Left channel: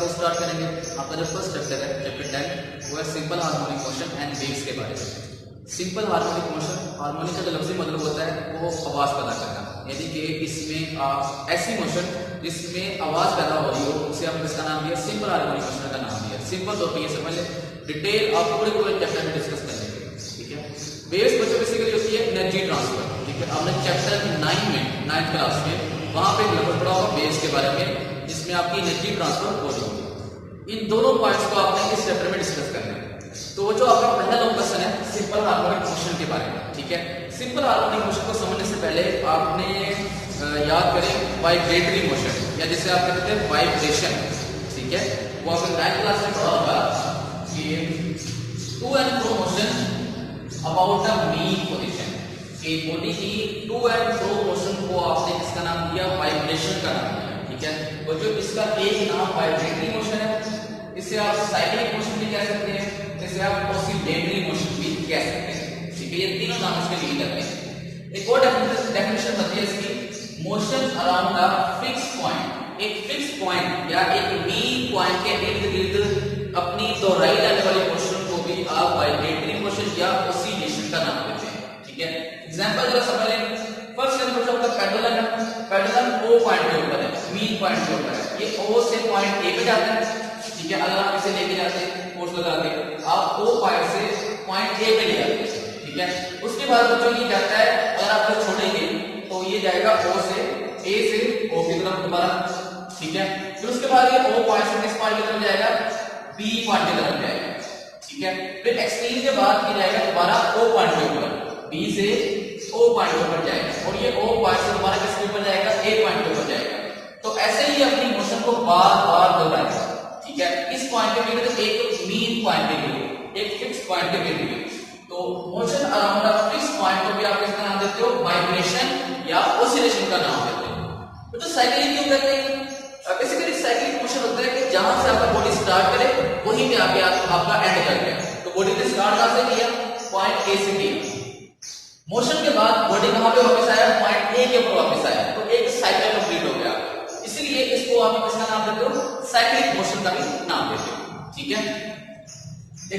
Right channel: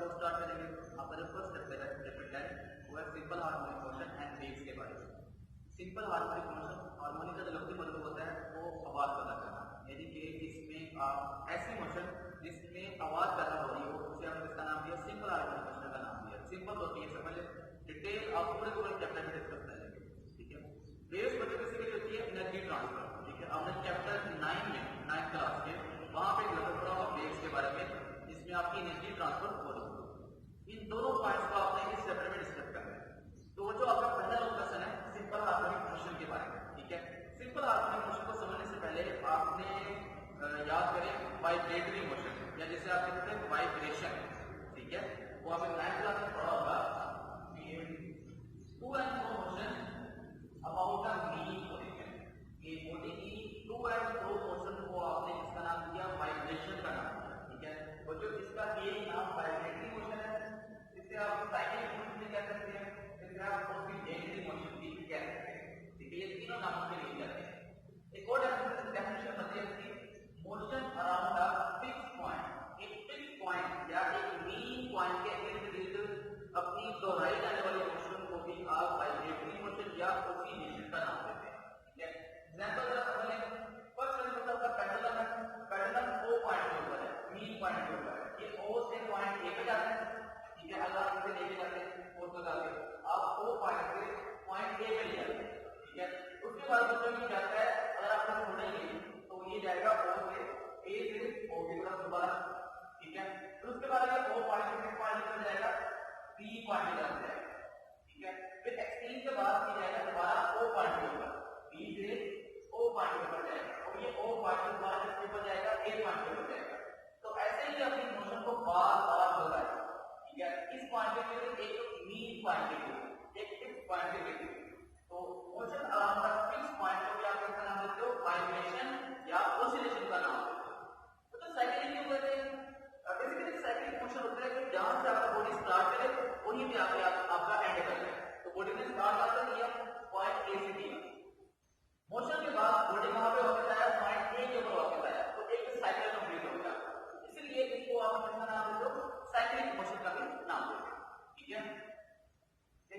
आपको स्टार्ट करेंगे। आपका जो फर्स्ट चैप्टर है चैप्टर 10 वो है simple harmonic motion and waves के बारे में। सिंपल हार्मोनिक मोशन, हार्मोनिक का जो लफ्ज़ी मतलब होता है वो आवाज़ पैदा करना, यानी कि इसमें ऐसी मोशन जिसमें आवाज़ पैदा हो रही हो उसे आपने इसका नाम दिया सिंपल हार्मोनिक मोशन का नाम दिया। सिंपल तौर पर ये समझ लें, डिटेल आप पूरे चैप्टर में डिस्कस कर लेंगे, ठीक है। वेव्स बच्चों बेसिकली होती है एनर्जी ट्रांसफर, ठीक है। आपने चैप्टर 9 में 9th क्लास में वहाँ पे लगभग पढ़ा होगा वेव्स के बारे में, जिसमें आपकी एनर्जी ट्रांसफर हो रही है। इन दोनों पॉइंट्स को आपने इस चैप्टर में डिस्कस करना है। तो जो आपका पहला लॉन्ग क्वेश्चन है सिंपल हार्मोनिक मोशन के बारे में, ठीक है। सिंपल हार्मोनिक मोशन को समझने से पहले आपने याद करें वाइब्रेटरी मोशन, या जिसे आप कहते हैं वाइब्रेशन, ठीक है। वो आपने 9th क्लास में पढ़ा होगा कि to and fro motion about the mean position, कि बॉडी की टू एंड फ्रो मोशन को आपने किसका नाम दिया, वाइब्रेशन का नाम दिया, ठीक है। और जो इसका एक नाम वाइब्रेटरी मोशन है, इसे आप साइक्लिक मोशन भी कह सकते हैं, इसे आप ऑसिलेटरी मोशन भी कह सकते हैं, ठीक है। ये तीनों नाम इसके लिए करते हैं। एक और डेफिनेशन बताती है इसकी, motion around a fix point, एक फिक्स पॉइंट या एक मीन पॉइंट के इर्द गिर्द अपनी दोहराई जाने वाली मोशन को भी आप वाइब्रेटरी मोशन या ऑसिलेशन का नाम देते हैं, ठीक है। एग्जांपल जरा समझ लें। फर्स्ट एग्जांपल आपका पेंडुलम है, पेंडुलम ओ पॉइंट के ऊपर है, मीन पॉइंट के ऊपर है, ये ओ से पॉइंट ए पे जाता है, ठीक है। अगर आप इसे लेके जाते हैं फोर्स लगा के, आप ओ पॉइंट से पॉइंट ए पे ले जाते हैं, ठीक है। उसके बाद बच्चों ये जाता है, अगर आप इसे छोड़ेंगे तो ये जाएगा ओ से ए से ओ की तरफ दोबारा, ठीक है। फिर उसके बाद ये ओ पॉइंट से किस पॉइंट की तरफ जाएगा, बी पॉइंट की तरफ जाएगा, ठीक है। फिर एक्सट्रीम के बाद ये जाएगा दोबारा ओ पॉइंट के ऊपर, बी से ओ पॉइंट के ऊपर जाएगा, और ये ओ पॉइंट से दोबारा किसके ऊपर जाएगा, ए पॉइंट के ऊपर जाएगा। तो ऐसे ही अपनी मोशन को बार बार दोहराएगा, ठीक है। इस पॉइंट के लिए तो एक मीन पॉइंट के लिए, एक फिक्स पॉइंट के लिए, तो motion around a fix point को भी आप इसका नाम देते हो वाइब्रेशन या ऑसिलेशन का नाम देते हो। तो साइक्लिक क्यों कहते हैं? बेसिकली साइक्लिक मोशन होता है कि जहां से आपका बॉडी स्टार्ट करे वहीं पे आके आपका एंड कर गया। तो बॉडी ने स्टार्ट कहां से किया, पॉइंट ए से किया, मोशन के बाद बॉडी कहां पे वापस आया, पॉइंट ए के ऊपर वापस आया, तो एक साइकिल कंप्लीट हो गया। इसलिए इसको आप किसका नाम देते हो, साइक्लिक मोशन का भी नाम देते हो, ठीक है।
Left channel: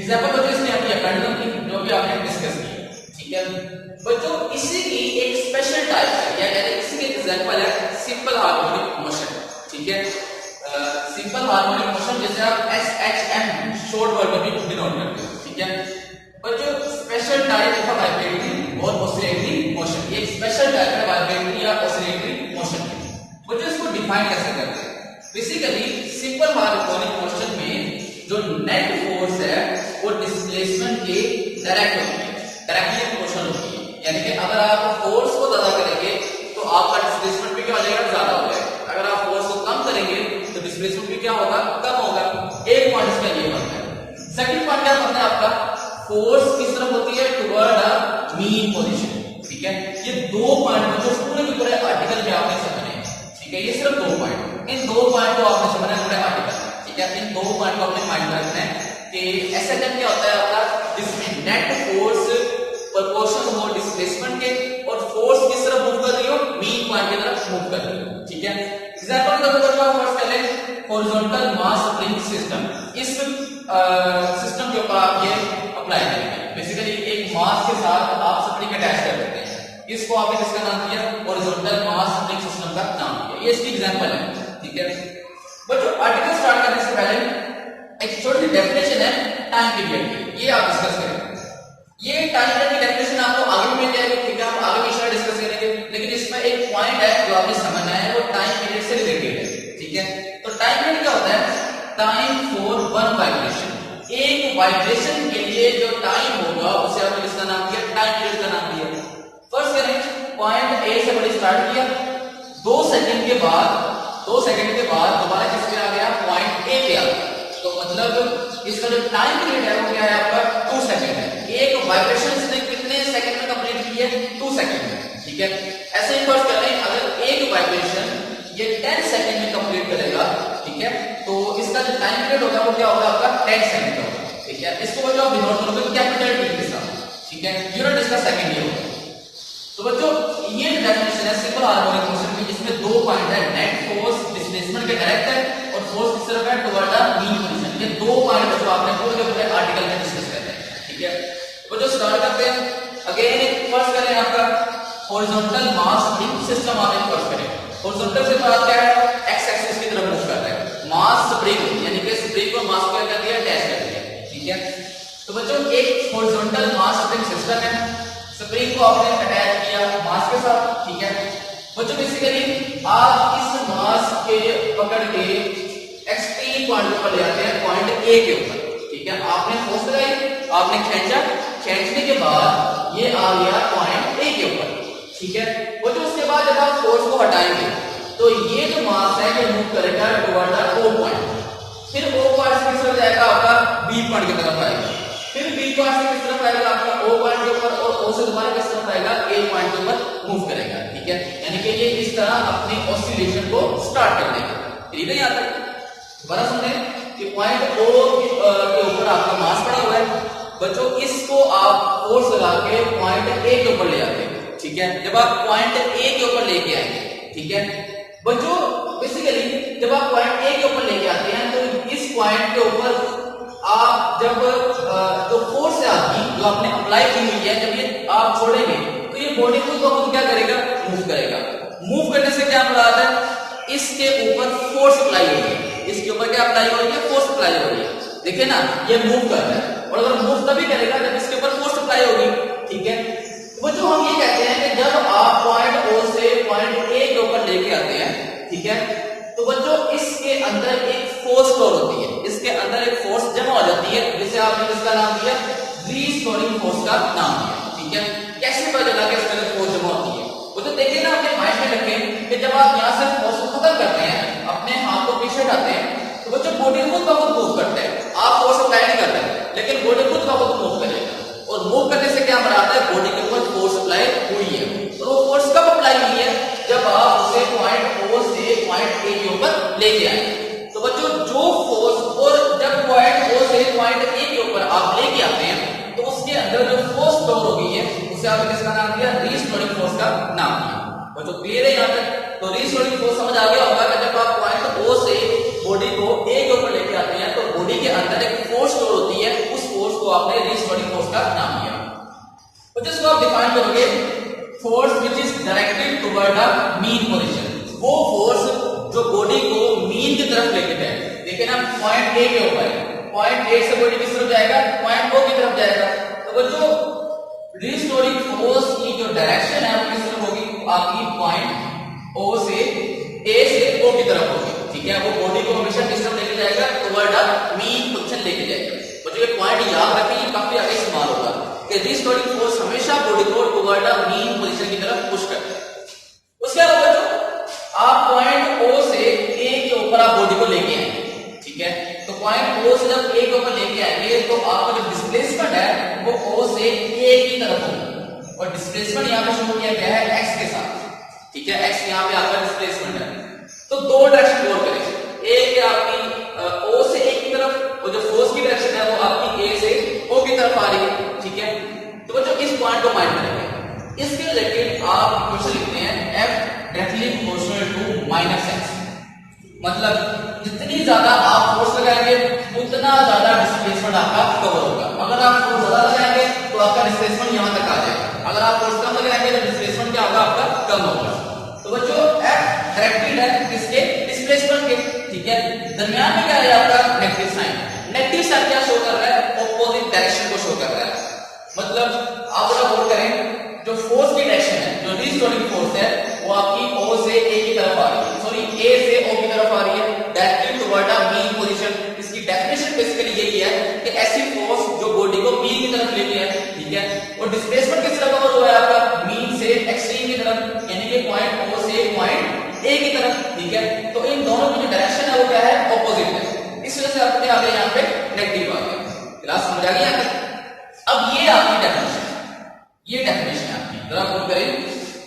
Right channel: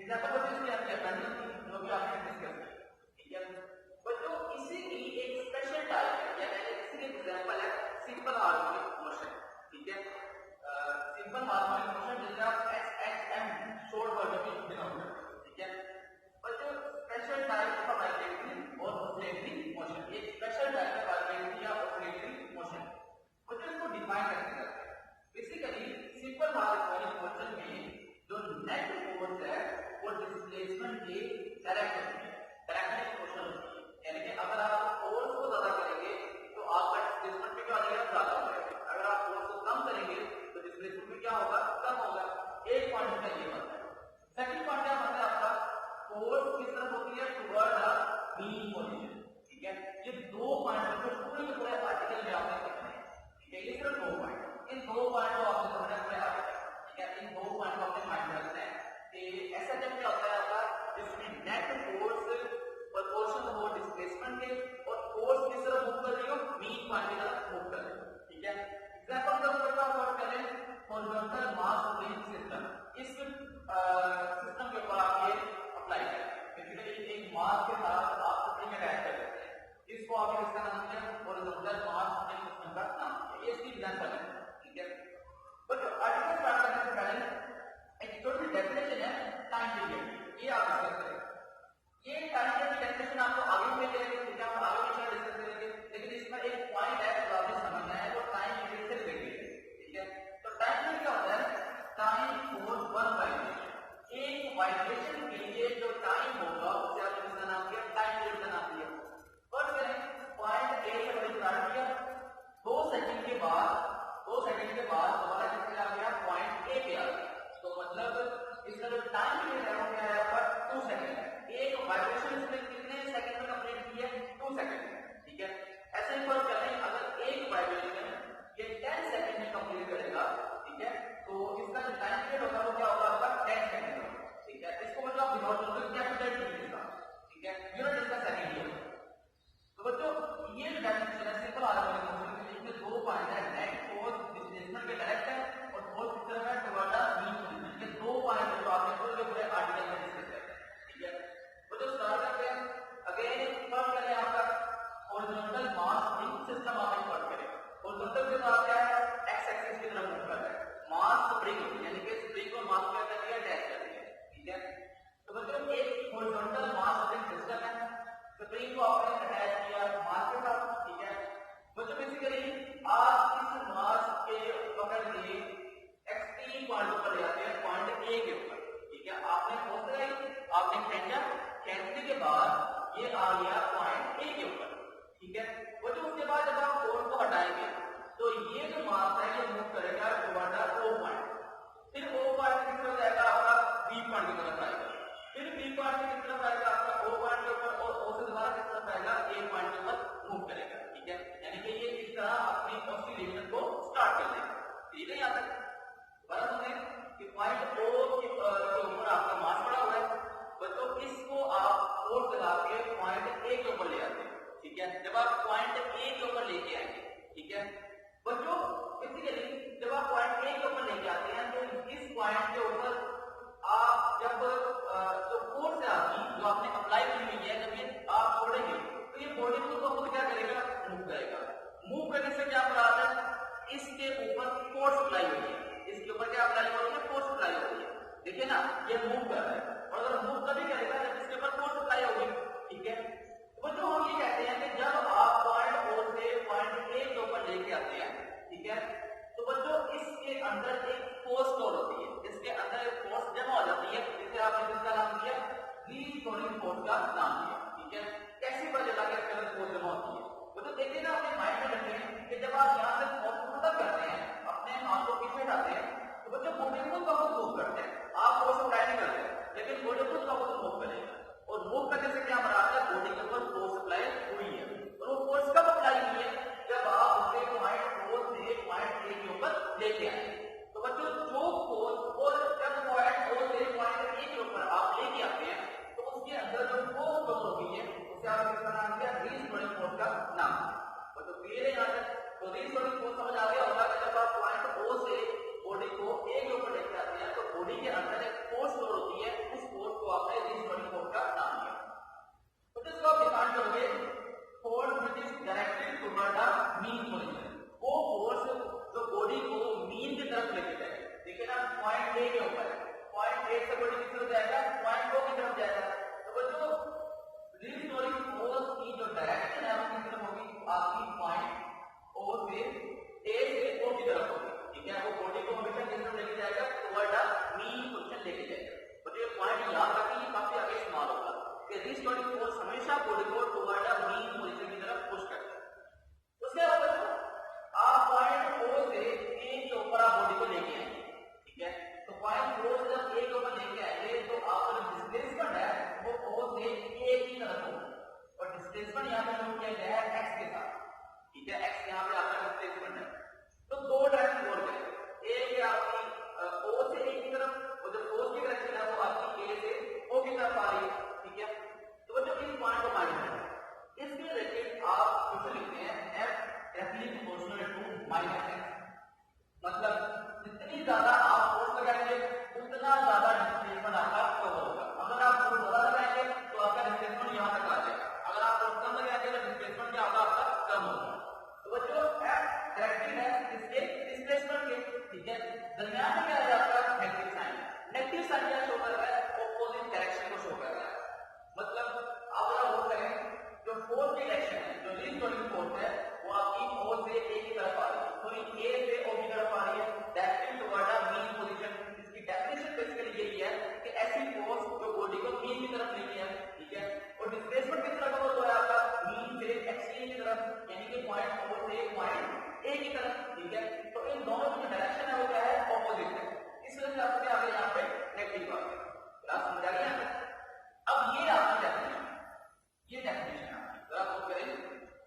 एग्जांपल बच्चों इसने अपनी पेंडुलम की जो भी आपने डिस्कस की, ठीक है। बच्चों इसी की एक स्पेशल टाइप है, या यानी इसकी एग्जांपल है सिंपल हार्मोनिक मोशन, ठीक है। सिंपल हार्मोनिक मोशन जैसे आप SHM शॉर्ट वर्ड में भी डिनोट करते हो, ठीक है। बच्चों स्पेशल टाइप है वाइब्रेटरी और ऑसिलेटरी मोशन, ये स्पेशल टाइप है वाइब्रेटरी या ऑसिलेटरी मोशन की। बच्चों इसको डिफाइन कैसे करते हैं? बेसिकली सिंपल हार्मोनिक मोशन में जो नेट फोर्स है वो डिस्प्लेसमेंट के डायरेक्ट होती है, डायरेक्टली मोशन होती है, यानी कि अगर आप फोर्स को ज्यादा करेंगे तो आपका डिस्प्लेसमेंट भी क्या हो जाएगा, ज्यादा हो जाएगा। अगर आप फोर्स को कम करेंगे तो डिस्प्लेसमेंट भी क्या होगा, कम होगा। एक पॉइंट इसका ये बनता है। सेकंड पॉइंट क्या बनता है आपका, फोर्स किस तरफ होती है, टुवर्ड अ मीन पोजीशन, ठीक है। ये दो पॉइंट जो पूरे के पूरे आर्टिकल में आपने समझने हैं, ठीक है। ये सिर्फ दो पॉइंट, इन दो पॉइंट को आपने समझना है पूरे आर्टिकल, ठीक है। इन दो पॉइंट को अपने माइंड में रखना है कि SHM क्या होता है आपका, जिसमें नेट फोर्स प्रोपोर्शन हो डिस्प्लेसमेंट के, और फोर्स किस तरफ मूव कर रही हो, मीन पॉइंट की तरफ मूव कर रही हो, ठीक है। एग्जांपल के तौर पर फर्स्ट कर लें हॉरिजॉन्टल मास स्प्रिंग सिस्टम। इस सिस्टम के ऊपर आप ये अप्लाई करेंगे। बेसिकली एक मास के साथ आप स्प्रिंग अटैच कर देते हैं, इसको आपने किसका नाम दिया, हॉरिजॉन्टल मास स्प्रिंग सिस्टम का नाम दिया। ये इसकी एग्जांपल है, ठीक है। बच्चों आर्टिकल स्टार्ट करने से पहले एक छोटी सी डेफिनेशन है टाइम पीरियड की, ये आप डिस्कस करें। ये टाइम पीरियड की डेफिनेशन आपको आगे मिल जाएगी, ठीक है। हम आगे विषय डिस्कस करेंगे, लेकिन इसमें एक पॉइंट है जो आपने समझना है, वो टाइम पीरियड से रिलेटेड है, ठीक है। तो टाइम पीरियड क्या होता है, टाइम फॉर वन वाइब्रेशन, एक वाइब्रेशन के लिए जो टाइम होगा उसे आपने किसका नाम दिया, टाइम पीरियड का नाम दिया। फर्स्ट करें पॉइंट ए से बड़ी स्टार्ट किया, 2 सेकंड के बाद दोबारा किस पे आ गया, पॉइंट ए पे आ गया, तो मतलब इसका जो टाइम पीरियड है वो क्या है आपका, 2 सेकंड है। एक वाइब्रेशन इसने कितने सेकंड में कंप्लीट की है, 2 सेकंड में, ठीक है। ऐसे ही फर्स्ट कर लें, अगर एक वाइब्रेशन ये 10 सेकंड में कंप्लीट करेगा, ठीक है, तो इसका जो टाइम पीरियड होगा वो क्या होगा आपका, 10 सेकंड का होगा, ठीक है। इसको बच्चों आप डिनोट करोगे कैपिटल टी के साथ, ठीक है। यूनिट इसका सेकंड ये होगा। तो बच्चों ये डेफिनेशन है सिंपल हार्मोनिक मोशन की, जिसमें दो पॉइंट है, नेट फोर्स डिस्प्लेसमेंट के डायरेक्ट है, और फोर्स किस तरफ है, toward the horizontal mass spring system आप एक वर्क करें। हॉरिजॉन्टल से बात क्या है, एक्स एक्सिस की तरफ मूव कर रहा है। मास स्प्रिंग यानी कि स्प्रिंग को मास क्या कर दिया, अटैच कर दिया, ठीक है। तो बच्चों एक हॉरिजॉन्टल मास स्प्रिंग सिस्टम है, स्प्रिंग को आपने अटैच किया मास के साथ, ठीक है। बच्चों बेसिकली आप इस मास के पकड़ के एक्सट्रीम पॉइंट पर ले आते हैं, पॉइंट ए के ऊपर, ठीक है। आपने फोर्स लगाई, आपने खींचा, खींचने के बाद ये आ गया पॉइंट ए के ऊपर, ठीक है। वो जो उसके बाद जब आप फोर्स को हटाएंगे तो ये जो मास है ये मूव करेगा टुवर्ड द ओ पॉइंट, फिर ओ पॉइंट से किस तरफ जाएगा, आपका बी पॉइंट की तरफ आएगा, फिर बी पॉइंट से किस तरफ आएगा, आपका ओ पॉइंट के ऊपर, और ओ से दोबारा किस तरफ आएगा, ए पॉइंट के ऊपर मूव करेगा, ठीक है। यानी कि ये इस तरह अपनी ऑसिलेशन को स्टार्ट कर देगा। ठीक है, यहाँ तक दोबारा सुन लें कि पॉइंट ओ के ऊपर आपका मास पड़ा हुआ है। बच्चों इसको आप फोर्स लगा के पॉइंट ए के ऊपर ले आते हैं, ठीक है। जब आप पॉइंट ए के ऊपर लेके आएंगे, ठीक है बच्चों, बेसिकली जब आप पॉइंट ए के ऊपर लेके आते हैं तो इस पॉइंट के ऊपर आप जब जो फोर्स है आपकी जो आपने अप्लाई की हुई है, जब ये आप छोड़ेंगे तो ये बॉडी को क्या करेगा, मूव करेगा। मूव करने से क्या मुराद है, इसके ऊपर फोर्स अप्लाई हो रही है, इसके ऊपर क्या अप्लाई हो रही है, फोर्स अप्लाई हो रही है। देखिए ना, ये मूव कर रहा है, और अगर मूव तभी करेगा जब इसके ऊपर फोर्स अप्लाई होगी, ठीक है। तो जो हम ये कहते हैं कि जब आप पॉइंट ओ से पॉइंट ए के ऊपर लेके आते हैं, ठीक है, तो बच्चों इसके अंदर एक फोर्स स्टोर होती है, इसके अंदर एक फोर्स जमा हो जाती है, जिसे आपने किसका नाम दिया, रीस्टोरिंग फोर्स का नाम दिया, ठीक है। कैसे पता चला कि इसके अंदर फोर्स जमा होती है, वो तो देखिए ना, अपने माइंड में रखें कि जब आप यहाँ से फोर्स को खत्म करते हैं, अपने हाथ को पीछे हटाते हैं, तो बच्चों बॉडी खुद ब खुद मूव करते हैं, आप फोर्स अप्लाई नहीं करते, लेकिन बॉडी खुद ब खुद मूव करेगा। और मूव करने से क्या मराद है, बॉडी के ऊपर फोर्स अप्लाई हुई है। और वो फोर्स कब अप्लाई हुई है, जब आप उसे पॉइंट ओ से पॉइंट ए के ऊपर लेके आए। तो बच्चों जो फोर्स, और जब पॉइंट ओ से पॉइंट ए के ऊपर आप लेके आते हैं तो उसके अंदर जो फोर्स स्टोर हो गई है उसे आपने किसका नाम दिया, रीस्टोरिंग फोर्स का नाम दिया। बच्चों क्लियर है यहाँ तक? तो रीस्टोरिंग फोर्स समझ आ गया होगा कि जब आप पॉइंट ओ से बॉडी को ए के ऊपर लेके आते हैं तो बॉडी के अंदर एक फोर्स स्टोर होती है, उस फोर्स को आपने रीस्टोरिंग फोर्स का नाम दिया। तो जिसको आप डिफाइन करोगे, force which is directed toward the mean position, वो फोर्स जो बॉडी को मीन की तरफ लेके जाए। देखिए ना, पॉइंट ए के ऊपर, पॉइंट ए से बॉडी किस तरफ जाएगा, पॉइंट ओ की तरफ जाएगा। तो वो जो रीस्टोरिंग फोर्स की जो डायरेक्शन है वो किस तरफ होगी, आपकी पॉइंट ओ से ए से ओ की तरफ होगी, ठीक है। वो बॉडी को हमेशा किस तरफ लेके जाएगा, टुवर्ड द मीन पोजीशन लेके जाएगा। बच्चों ये पॉइंट याद रखें, ये काफी आगे इस्तेमाल होगा कि रीस्टोरिंग फोर्स हमेशा बॉडी को टुवर्ड द मीन पोजीशन की तरफ पुश करता है। उसके अलावा बच्चों आप पॉइंट ओ से ए के ऊपर आप बॉडी को लेके आएंगे, ठीक है। तो पॉइंट ओ से जब ए के ऊपर लेके आएंगे तो आपका जो डिस्प्लेसमेंट है वो ओ से ए की तरफ होगा, और डिस्प्लेसमेंट यहाँ पे शो किया गया है एक्स के साथ, ठीक है। एक्स यहाँ पे आपका डिस्प्लेसमेंट है। तो दो डायरेक्शन और करें, एक है आपकी ओ से ए की तरफ, और जो फोर्स की डायरेक्शन है वो आपकी ए से ओ की तरफ आ रही है, ठीक है। तो बच्चों इस पॉइंट को माइंड में रखें। इसके रिलेटेड आप क्वेश्चन लिखते हैं F directly proportional to minus x, मतलब जितनी ज्यादा आप फोर्स लगाएंगे उतना ज्यादा डिस्प्लेसमेंट आपका कवर होगा। अगर आप फोर्स ज्यादा लगाएंगे तो आपका डिस्प्लेसमेंट यहाँ तक आ जाएगा, अगर आप फोर्स कम लगाएंगे तो डिस्प्लेसमेंट क्या होगा, आपका कम होगा। तो बच्चों F डायरेक्टेड है किसके, डिस्प्लेसमेंट के, ठीक है। दरमियान में क्या है आपका, नेगेटिव साइन। नेगेटिव साइन क्या शो कर रहा है, ऑपोजिट डायरेक्शन को शो कर रहा है। मतलब आप अगर गौर करें, जो फोर्स की डायरेक्शन है, जो रीस्टोरिंग फोर्स है, वो आपकी ओ से ए की तरफ आ रही है, सॉरी ए से ओ की तरफ आ रही है, directly toward the mean position. इसकी डेफिनेशन बेसिकली यही है कि ऐसी फोर्स जो बॉडी को मीन की तरफ लेती है, ठीक है। और डिस्प्लेसमेंट किस तरफ कवर हुआ है आपका, मीन से एक्सट्रीम की तरफ, यानी कि पॉइंट ओ से पॉइंट ए की तरफ, ठीक है। तो इन दोनों की जो डायरेक्शन है वो क्या है, ऑपोजिट है, इस वजह से आपके आगे यहाँ पे नेगेटिव आ गया। क्लास समझ आ गई? अब ये आपकी डेफिनेशन, ये डेफिनेशन है आपकी। जरा गौर करें,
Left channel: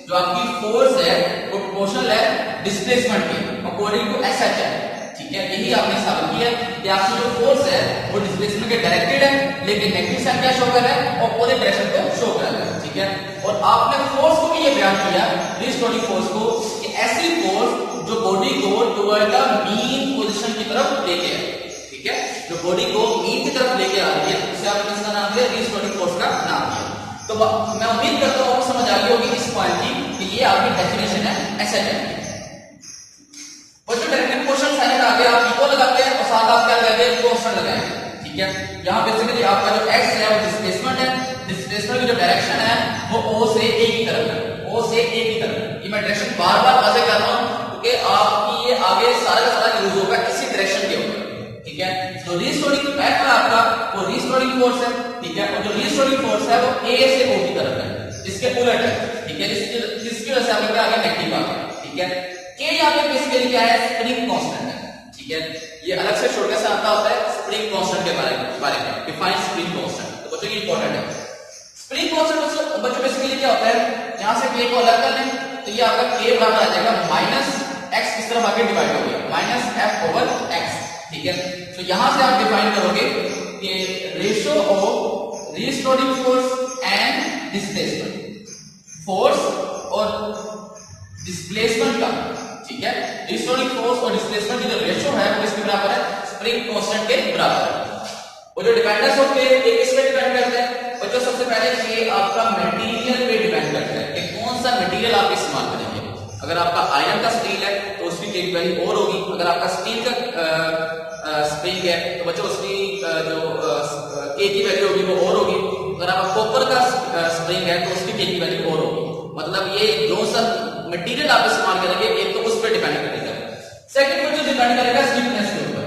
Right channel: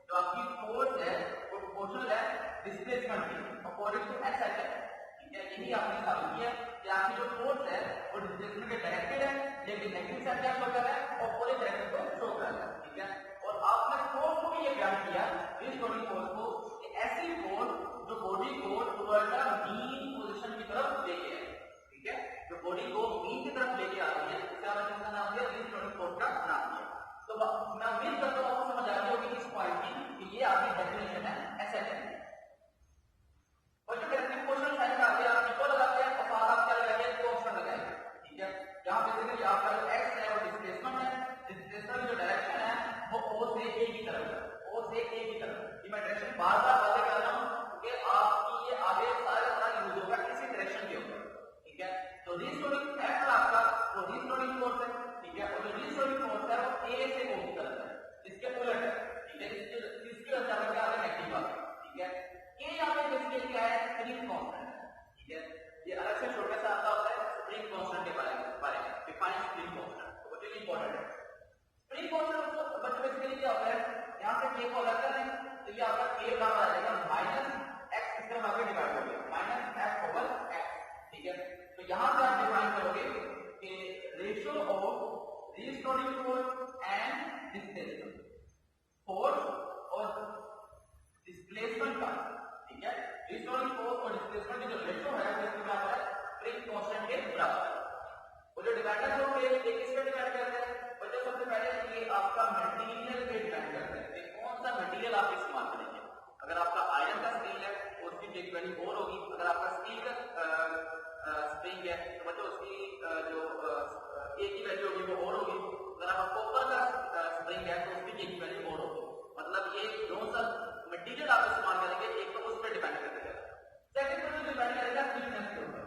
जो आपकी फोर्स है वो प्रोपोर्शनल है डिस्प्लेसमेंट के, अकॉर्डिंग टू एस एच है, ठीक है। यही आपने साबित किया कि आपकी जो फोर्स है वो डिस्प्लेसमेंट के डायरेक्टेड है, लेकिन नेगेटिव साइन क्या शो कर रहा है, ऑपोजिट डायरेक्शन को शो कर रहा है, ठीक है। और आपने फोर्स को भी ये बयान किया, रीस्टोरिंग फोर्स को, कि ऐसी फोर्स जो बॉडी को टुवर्ड द मीन पोजीशन की तरफ लेके आए, ठीक है। जो बॉडी को मीन की तरफ लेके आ रही है उसे आपने किसका नाम दिया, रीस्टोरिंग फोर्स का नाम दिया। तो मैं उम्मीद करता हूँ समझ आ गई होगी इस पॉइंट की ये आपकी डेफिनेशन है एसएनएफ। और जो डायरेक्टिव क्वेश्चन है ना, आगे आप इक्वल लगाते हैं और साथ आप क्या लगाएंगे, कांस्टेंट लगाएंगे। ठीक है, यहाँ बेसिकली आपका जो एक्स है वो डिस्प्लेसमेंट है, डिस्प्लेसमेंट की जो डायरेक्शन है वो ओ से ए की तरफ है, ओ से ए की तरफ। ये मैं डायरेक्शन बार बार वाजे कर रहा हूँ क्योंकि आपकी ये आगे सारा का सारा यूज होगा इसी डायरेक्शन के ऊपर। ठीक है, तो रीस्टोरिंग एफ है आपका, वो रीस्टोरिंग फोर्स है। ठीक है, और जो रीस्टोरिंग फोर्स है वो ए से ओ की तरफ है, इसके उलट है। ठीक है, जिसकी वजह से आपके क्या आगे नेगेटिव आ गया। ठीक है, के यहाँ पे बेसिकली क्या है, स्प्रिंग कांस्टेंट है। ठीक है, ये अलग से शॉर्टकट से आता होता है स्प्रिंग कांस्टेंट के बारे में डिफाइन स्प्रिंग कांस्टेंट। तो बच्चों ये इंपॉर्टेंट है। स्प्रिंग कांस्टेंट बच्चों बेसिकली क्या होता है, यहां से के को अलग कर लें तो ये आपका के बराबर आ जाएगा माइनस एक्स, इस तरफ आके डिवाइड हो गया माइनस एफ ओवर एक्स। ठीक है, तो यहां से आप डिफाइन करोगे कि ratio of restoring force and displacement, force और डिस्प्लेसमेंट का। ठीक है, रीस्टोरिंग फोर्स और डिस्प्लेसमेंट की जो रेशियो है वो इसके बराबर है, स्प्रिंग कांस्टेंट के बराबर है। और जो डिपेंडेंस ऑफ के किस पे डिपेंड करते हैं बच्चों, सबसे पहले ये आपका मटेरियल पे डिपेंड करता है कि कौन सा मटेरियल आप इस्तेमाल करेंगे। अगर आपका आयरन का स्टील है तो उसकी के वैल्यू और होगी, अगर आपका स्टील का स्प्रिंग है तो बच्चों उसकी जो के की वैल्यू होगी वो और होगी। अगर आपका कॉपर का स्प्रिंग है तो उसकी के की वैल्यू और होगी। मतलब ये जो सा मटेरियल आप इस्तेमाल करेंगे एक तो उस पर डिपेंड करेगा। सेकंड पर जो डिपेंड करेगा स्टिफनेस के ऊपर,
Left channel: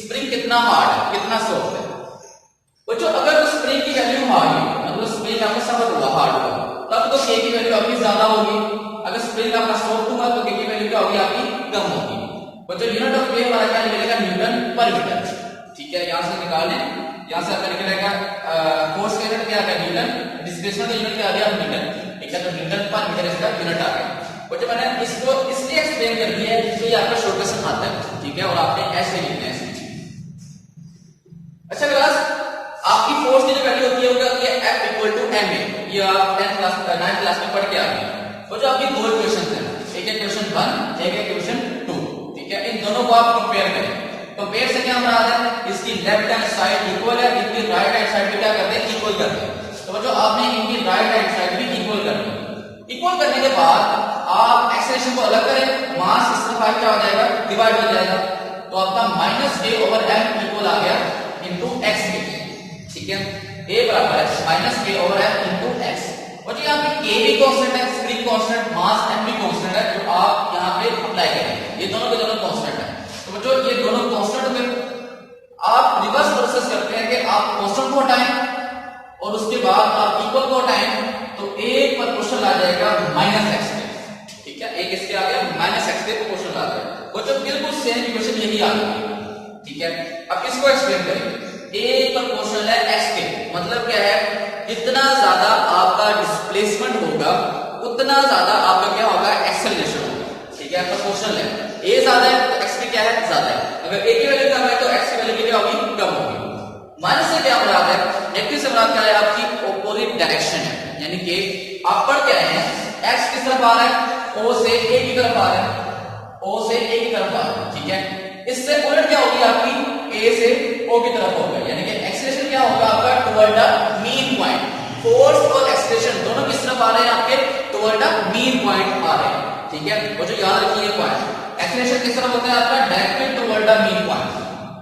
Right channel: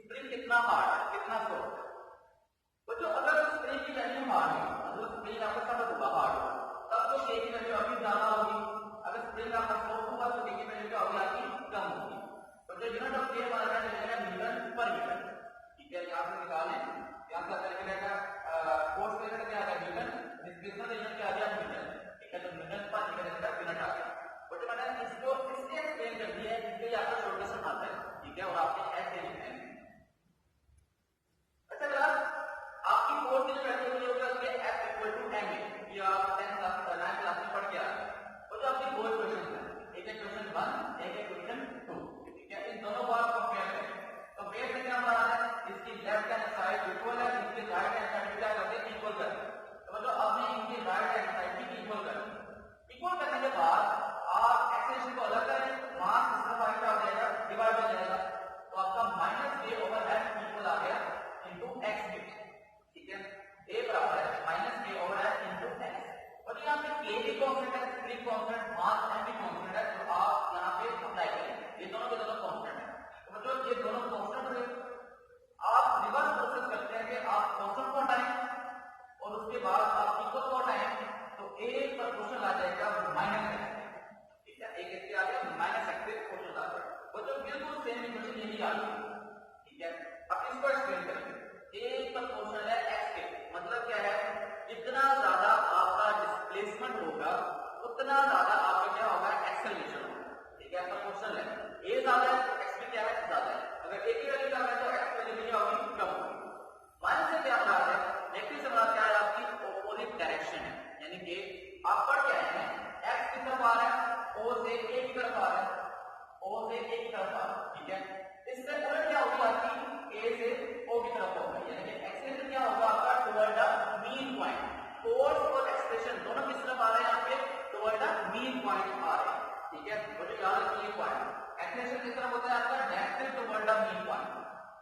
स्प्रिंग कितना हार्ड है कितना सॉफ्ट है। बच्चों अगर तो स्प्रिंग की वैल्यू हार्ड है, मतलब स्प्रिंग आपका सख्त हुआ हार्ड हुआ, तब तो के की वैल्यू आपकी ज्यादा होगी। अगर स्प्रिंग आपका सॉफ्ट हुआ तो के की वैल्यू क्या होगी, आपकी कम होगी। बच्चों यूनिट ऑफ के हमारा क्या निकलेगा, न्यूटन पर मीटर। ठीक है, यहां से निकाल लें, यहां से आपका निकलेगा फोर्स का यूनिट क्या है, न्यूटन, डिस्प्लेसमेंट का यूनिट क्या आ गया, मीटर। ठीक है, तो न्यूटन पर मीटर इसका यूनिट आ गया। बच्चों मैंने इसको इसलिए एक्सप्लेन कर दिया है क्योंकि आपका शॉर्ट क्वेश्चन आता है। ठीक है, और आपने ऐसे लिखना है। अच्छा क्लास, आपकी फोर्स की जो वैल्यू होती है वो क्या होती है, F इक्वल टू ma। ये आप 10th क्लास 9th क्लास में पढ़ के आ गए। वो जो आपकी दो इक्वेशंस हैं, एक है इक्वेशन 1, एक है इक्वेशन 2। ठीक है, इन दोनों को आप कंपेयर करें। कंपेयर से क्या मराद है, इसकी लेफ्ट हैंड साइड इक्वल है, इनकी राइट हैंड साइड भी क्या करते हैं, इक्वल करते हैं। तो बच्चों आपने इनकी राइट हैंड साइड भी इक्वल करनी है। इक्वल करने के बाद आप एक्सेलरेशन को अलग करें, मास इस तरफ क्या हो जाएगा, डिवाइड हो जाएगा। तो आपका minus a over m equal आ गया इनटू x के। ठीक है, a बराबर है minus k over m into x। और जी यहाँ पे k भी कांस्टेंट है, स्प्रिंग कांस्टेंट, मास m भी कांस्टेंट है, जो आप यहाँ पे अप्लाई करेंगे। ये दोनों के दोनों कांस्टेंट है। तो बच्चों ये दोनों कांस्टेंट हो गए। आप रिवर्स प्रोसेस करते हैं कि आप कांस्टेंट को हटाएं और उसके बाद आप इक्वल को हटाएं, तो एक पर क्वेश्चन आ जाएगा माइनस x पे। ठीक है, एक इसके आ गया माइनस x पे क्वेश्चन आ गया। बच्चों बिल्कुल सेम इक्वेशन यही आ गई। ठीक है, अब इसको एक्सप्लेन करेंगे। एक पर क्वेश्चन है x के, मतलब क्या है, जितना ज्यादा आपका डिस्प्लेसमेंट होगा उतना ज्यादा आपका क्या होगा, एक्सेलरेशन होगा। ठीक है, आपका क्वेश्चन है a ज्यादा है तो x भी क्या है, ज्यादा है। अगर a की वैल्यू कम है तो x की वैल्यू क्या होगी, कम होगी। माइनस से क्या मुराद है, नेगेटिव से मुराद क्या है, आपकी ऑपोजिट डायरेक्शन है। यानी कि आप पढ़ क्या है, x किस तरफ आ रहा है, o से a की तरफ आ रहा है, o से a की तरफ आ रहा है। ठीक है, इससे उलट क्या होगी, आपकी a से o की तरफ होगा। यानी कि एक्सेलरेशन क्या होगा आपका, toward the mean point. Force और एक्सेलरेशन दोनों किस तरफ आ रहे हैं, आपके टुवर्ड द मीन पॉइंट आ रहे हैं। ठीक है, वो जो याद रखिए पॉइंट, एक्सेलरेशन किस तरफ होता है आपका, directly toward the mean point.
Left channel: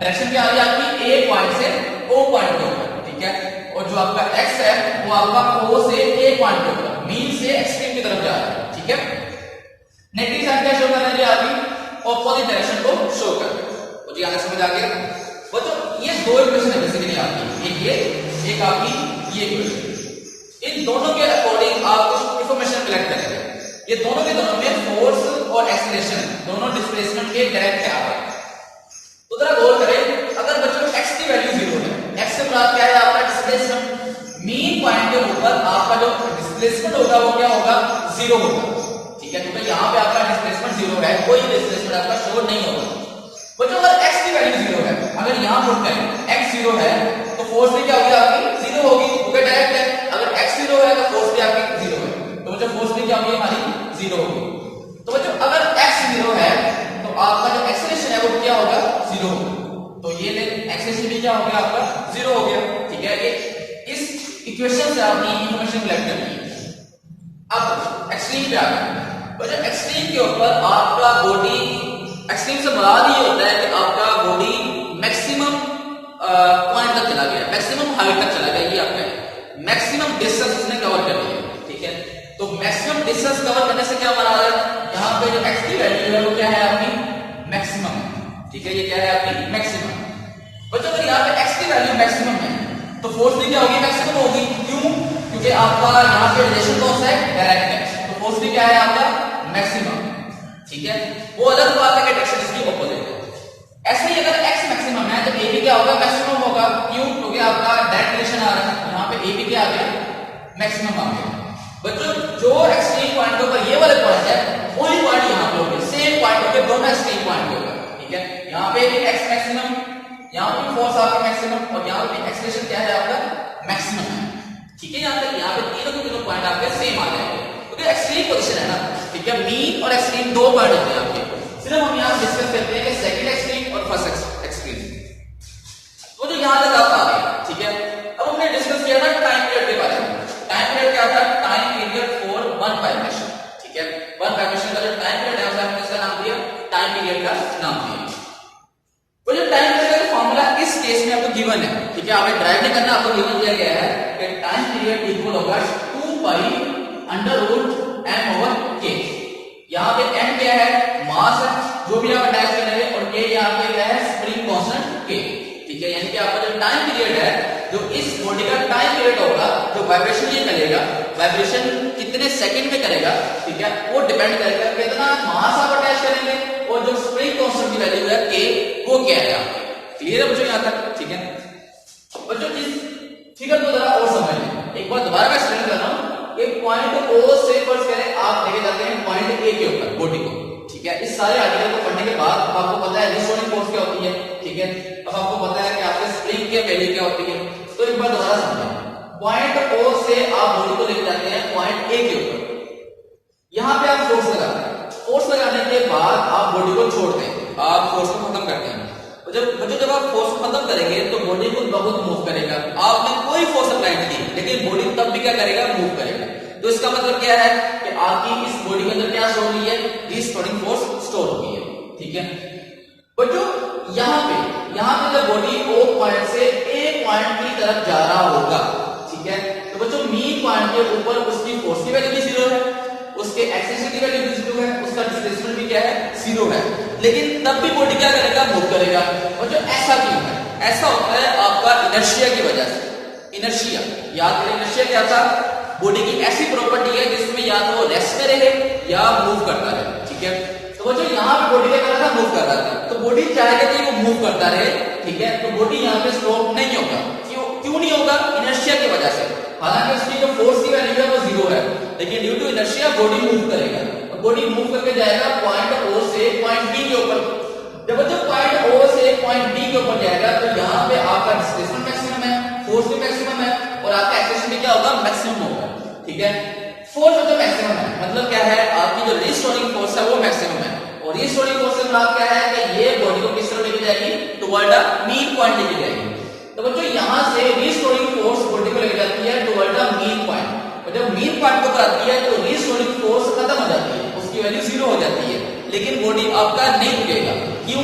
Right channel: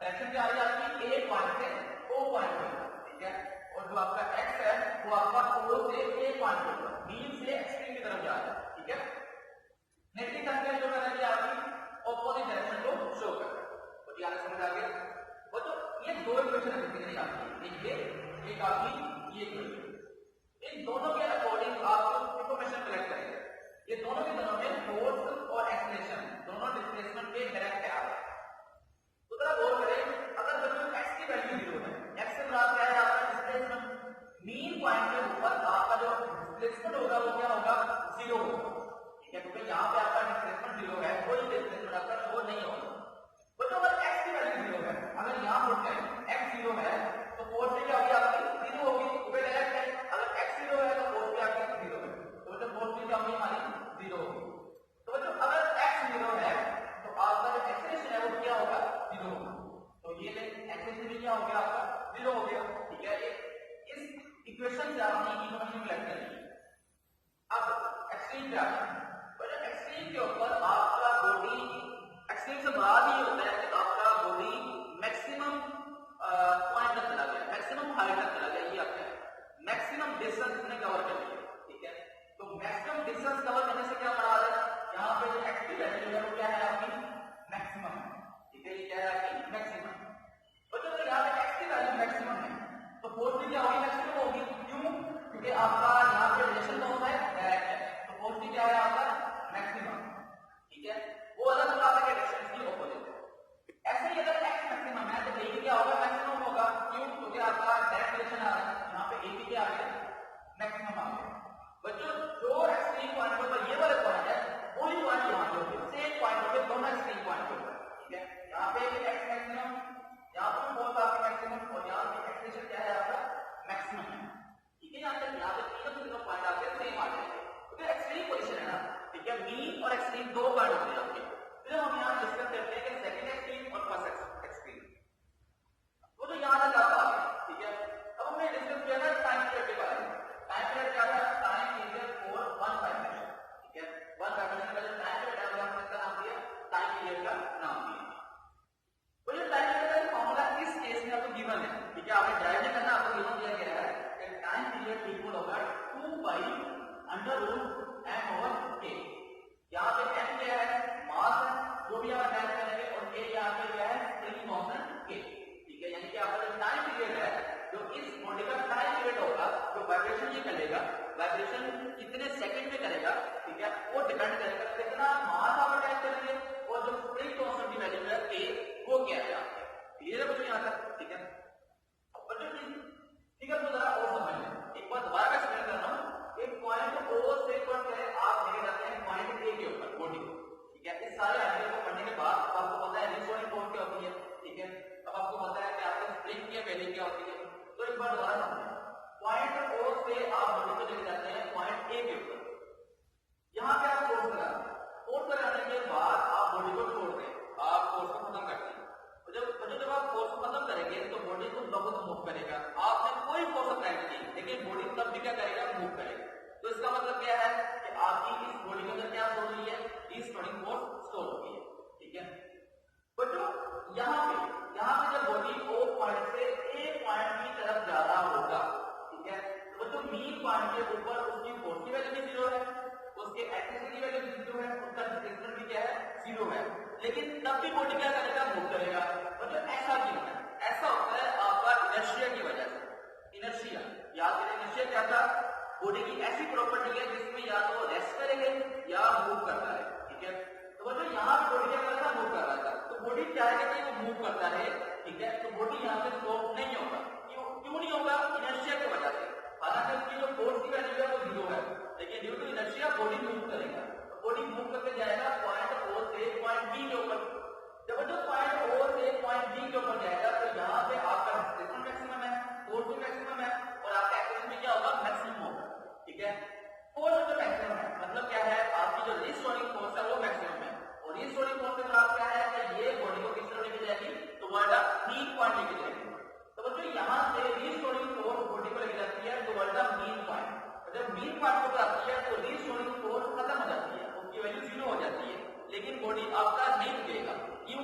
Direction क्या आ रही है आपकी, a पॉइंट से o पॉइंट के ऊपर। ठीक है, और जो आपका x है वो आपका o से a पॉइंट के ऊपर, मीन से एक्सट्रीम की तरफ जा रहा है। ठीक है, नेगेटिव साइन क्या शो कर रहा है, आपकी ऑपोजिट डायरेक्शन को शो कर रहा है। तो जी आगे समझ आ गया। बच्चों ये दो इक्वेशन है बेसिकली आपकी, एक ये, एक आपकी ये इक्वेशन। इन दोनों के अकॉर्डिंग आप कुछ इंफॉर्मेशन कलेक्ट करेंगे। ये दोनों के दोनों में फोर्स और एक्सेलरेशन दोनों डिस्प्लेसमेंट के डायरेक्ट आ रहे हैं। तो जरा गौर करें, अगर बच्चों x की वैल्यू 0 है, x से मुराद क्या है आपका, डिस्प्लेसमेंट। मीन पॉइंट के ऊपर आपका जो डिस्प्लेसमेंट होगा वो क्या होगा, 0 होगा। ठीक है, क्योंकि यहाँ पे आपका डिस्प्लेसमेंट 0 है, कोई डिस्प्लेसमेंट आपका शो नहीं होगा। बच्चों अगर x की वैल्यू 0 है, अगर यहाँ पुट करें x 0 है तो फोर्स भी क्या होगी, आपकी 0 होगी, क्योंकि डायरेक्ट है। अगर x 0 है तो फोर्स भी आपकी 0 है, तो बच्चों फोर्स भी क्या होगी, हमारी 0 होगी। तो बच्चों अगर x 0 है तो आपका जो एक्सेलरेशन है वो क्या होगा, 0 होगा। तो ये एक्सेलरेशन भी क्या हो गया, आपका 0 हो गया। ठीक है, ये इस इक्वेशन से आपने इंफॉर्मेशन कलेक्ट करनी है। अब एक्सट्रीम पे आ गए, के ऊपर आपका बॉडी एक्सट्रीम से मुराद ये होता है कि आपका बॉडी मैक्सिमम पॉइंट तक चला गया, मैक्सिमम हाइट तक चला गया, ये आपका मैक्सिमम डिस्टेंस उसने कवर कर लिया, ठीक है। तो मैक्सिमम डिस्टेंस कवर करने से क्या हमारा यहाँ पे जो एक्स की वैल्यू है वो क्या है आपकी मैक्सिमम है, ठीक है। ये क्या है आपकी मैक्सिमम। बच्चों अगर यहाँ पे एक्स की वैल्यू मैक्सिमम है तो फोर्स भी क्या होगी मैक्सिमम होगी, क्यों? क्योंकि आपका यहाँ पे रिलेशन कौन सा है डायरेक्ट है, तो फोर्स भी क्या है आपका मैक्सिमम, ठीक है। वो अलग बात है कि डायरेक्शन इसकी ऑपोजिट है। ऐसे ही अगर x मैक्सिमम है तो a भी क्या होगा मैक्सिमम होगा, क्यों? क्योंकि आपका डायरेक्ट रिलेशन आ रहा है, यहाँ पे a भी क्या आ गया मैक्सिमम आ गया। बच्चों जो एक्सट्रीम पॉइंट के ऊपर ये वाले पॉइंट है वही पॉइंट यहाँ पे होंगे, सेम पॉइंट होंगे, दोनों एक्सट्रीम पॉइंट होगा, ठीक है। यहाँ पे भी x मैक्सिमम, यहाँ पे फोर्स आपका मैक्सिमम और यहाँ पे एक्सेलरेशन क्या है आपका मैक्सिमम है, ठीक है। यहाँ तक यहाँ पे तीनों के तीनों पॉइंट आपके सेम आ जाएंगे क्योंकि एक्सट्रीम पोजीशन है ना, ठीक है। मीन और एक्सट्रीम दो पॉइंट होते हैं आपके, सिर्फ हम यहाँ डिस्कस करते हैं कि सेकंड एक्सट्रीम और फर्स्ट एक्सट्रीम, तो जो यहाँ तक आपका आ गया, ठीक है। अब हमने डिस्कस किया था टाइम पीरियड के बारे में। टाइम पीरियड क्या था? Time period for one vibration, ठीक है। वन वाइब्रेशन का जो टाइम पीरियड है उसे हमने इसका नाम दिया टाइम पीरियड का नाम दिया। वो जो टाइम पीरियड का फॉर्मूला इस केस में आपको गिवन है, ठीक है। आपने ड्राइव नहीं करना, आपको गिवन दिया गया है कि टाइम पीरियड इक्वल होगा 2 pi under root m over k। यहाँ पे m क्या है? मास है जो भी आप अटैच करेंगे, और k यहाँ पे क्या है? स्प्रिंग कांस्टेंट k, ठीक है। यानी कि आपका जो टाइम पीरियड है, जो इस बॉडी का टाइम पीरियड होगा, जो वाइब्रेशन ये करेगा, वाइब्रेशन कितने सेकंड में करेगा, ठीक है, वो डिपेंड करेगा कितना मास आप अटैच करेंगे और जो स्प्रिंग कांस्टेंट की वैल्यू है k वो क्या है। क्लियर है बच्चों यहाँ तक? ठीक है बच्चों, इस फिगर को जरा और समझ लें। एक बार दोबारा मैं एक्सप्लेन कर रहा हूँ। एक पॉइंट O से फर्ज करें आप लेके जाते हैं पॉइंट A के ऊपर बॉडी को, ठीक है। इस सारे आर्टिकल को पढ़ने के बाद अब आपको पता है रिस्टोरिंग फोर्स क्या होती है, ठीक है। अब आपको पता है कि आपके स्प्रिंग की वैल्यू क्या होती है। तो एक बार दोबारा समझें। पॉइंट O से आप बॉडी को लेके जाते हैं पॉइंट A के ऊपर, यहाँ पे आप फोर्स लगाते हैं। फोर्स लगाने के बाद आप बॉडी को छोड़ते हैं, आप फोर्स को खत्म करते हैं। जब आप फोर्स को खत्म करेंगे तो बॉडी को बहुत मूव करेगा। आपने कोई फोर्स अप्लाई नहीं की, लेकिन बॉडी तब भी क्या करेगा? मूव करेगा। तो इसका मतलब क्या है कि आपकी इस बॉडी के अंदर क्या स्टोर हुई है? रिस्टोरिंग फोर्स स्टोर हुई है, ठीक है। बच्चों यहाँ पे जब बॉडी O पॉइंट से A पॉइंट की तरफ जा रहा होगा, ठीक है, तो बच्चों मीन पॉइंट के ऊपर उसकी फोर्स की वैल्यू भी 0 है, उसके एक्सेलरेशन की वैल्यू भी 0 है, उसका डिस्प्लेसमेंट भी क्या है? 0 है। लेकिन तब भी बॉडी क्या करेगा? मूव करेगा। और जो ऐसा क्यों है? ऐसा होता है आपका इनर्शिया की वजह से। इनर्शिया याद करें, इनर्शिया क्या था? बॉडी की ऐसी प्रॉपर्टी है जिसमें या तो रेस्ट में रहे या मूव करता रहे, ठीक है। तो वो जो यहाँ पे बॉडी क्या कर रहा था? मूव कर रहा था। तो बॉडी चाहेगा कि वो मूव करता रहे, ठीक है। तो बॉडी यहाँ पे स्टॉप नहीं होगा। क्यों नहीं होगा? इनर्शिया की वजह से। हालांकि उसकी जो फोर्स की वैल्यू है वो 0 है, लेकिन due to inertia body move करेगा। बॉडी मूव करके जाएगा पॉइंट O से पॉइंट B के ऊपर। जब पॉइंट O से पॉइंट B के ऊपर जाएगा तो यहाँ पे आपका डिस्प्लेसमेंट मैक्सिमम है, फोर्स भी मैक्सिमम है, और आपका एक्सेलरेशन भी क्या होगा? मैक्सिमम होगा, ठीक है। फोर्स जो मैक्सिमम है मतलब क्या है? आपकी जो रिस्टोरिंग फोर्स है वो मैक्सिमम है, और रिस्टोरिंग फोर्स से मतलब क्या है कि ये बॉडी को किस तरफ लेके जाएगी? टुवर्ड द मीन पॉइंट लेके जाएगी। तो बच्चों यहाँ से रिस्टोरिंग फोर्स बॉडी को लेके जाती है टुवर्ड द मीन पॉइंट, और जब मीन पॉइंट को आती है तो रिस्टोरिंग फोर्स खत्म हो जाती है, उसकी वैल्यू 0 हो जाती है। लेकिन बॉडी आपका नहीं रुकेगा, क्यों?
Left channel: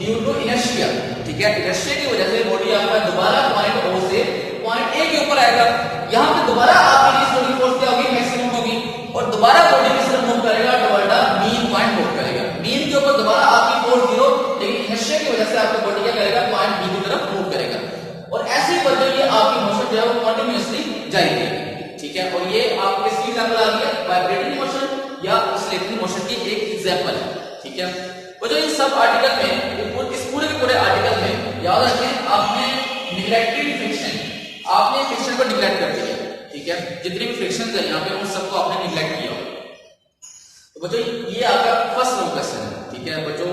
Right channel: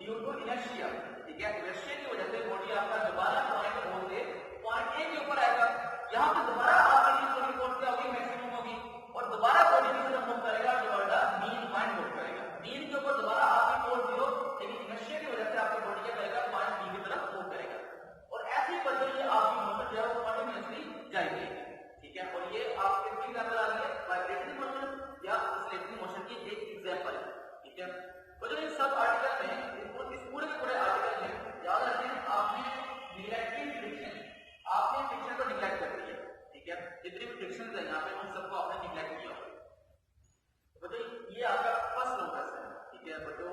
ड्यू टू इनर्शिया, ठीक है। इनर्शिया की वजह से बॉडी आपका दोबारा पॉइंट O से पॉइंट A के ऊपर आएगा। यहाँ पे दोबारा आपकी रिस्टोरिंग फोर्स क्या होगी? मैक्सिमम होगी, और दोबारा बॉडी किस तरफ मूव करेगा? Toward the mean point move करेगा। मीन के ऊपर दोबारा आपकी फोर्स 0, लेकिन इनर्शिया की वजह से आपकी बॉडी क्या करेगा? पॉइंट B की तरफ मूव करेगा, और ऐसे पर जो ये आपकी मोशन जो है वो कंटिन्यूअसली जाएगी, ठीक है। और ये आपके किसकी एग्जांपल आ गई है? वाइब्रेटरी मोशन या ऑसिलेटरी मोशन की एक एग्जांपल है, ठीक है। वो जो इस सब आर्टिकल में, इस पूरे के पूरे आर्टिकल में याद रखें आपने निग्लेक्टेड फ्रिक्शन, आपने फ्रिक्शन को निग्लेक्ट कर दिया, ठीक है। जितने भी फ्रिक्शन है यहाँ पे उन सबको आपने निग्लेक्ट किया। तो बच्चों ये आपका फर्स्ट लॉन्ग क्वेश्चन है, ठीक है। बच्चों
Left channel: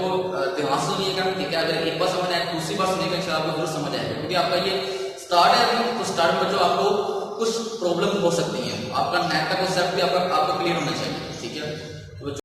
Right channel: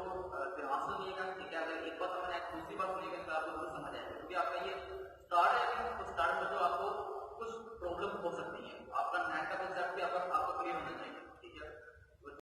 ध्यान से सुनिएगा, ठीक है। अगर एक बार समझ आए दूसरी बार सुनिएगा इंशाल्लाह आपको जरूर समझ आएगा, क्योंकि आपका ये स्टार्ट है। तो स्टार्ट में बच्चों आपको कुछ प्रॉब्लम हो सकती है, आपका नेट का कॉन्सेप्ट भी आपका क्लियर होना चाहिए, ठीक है।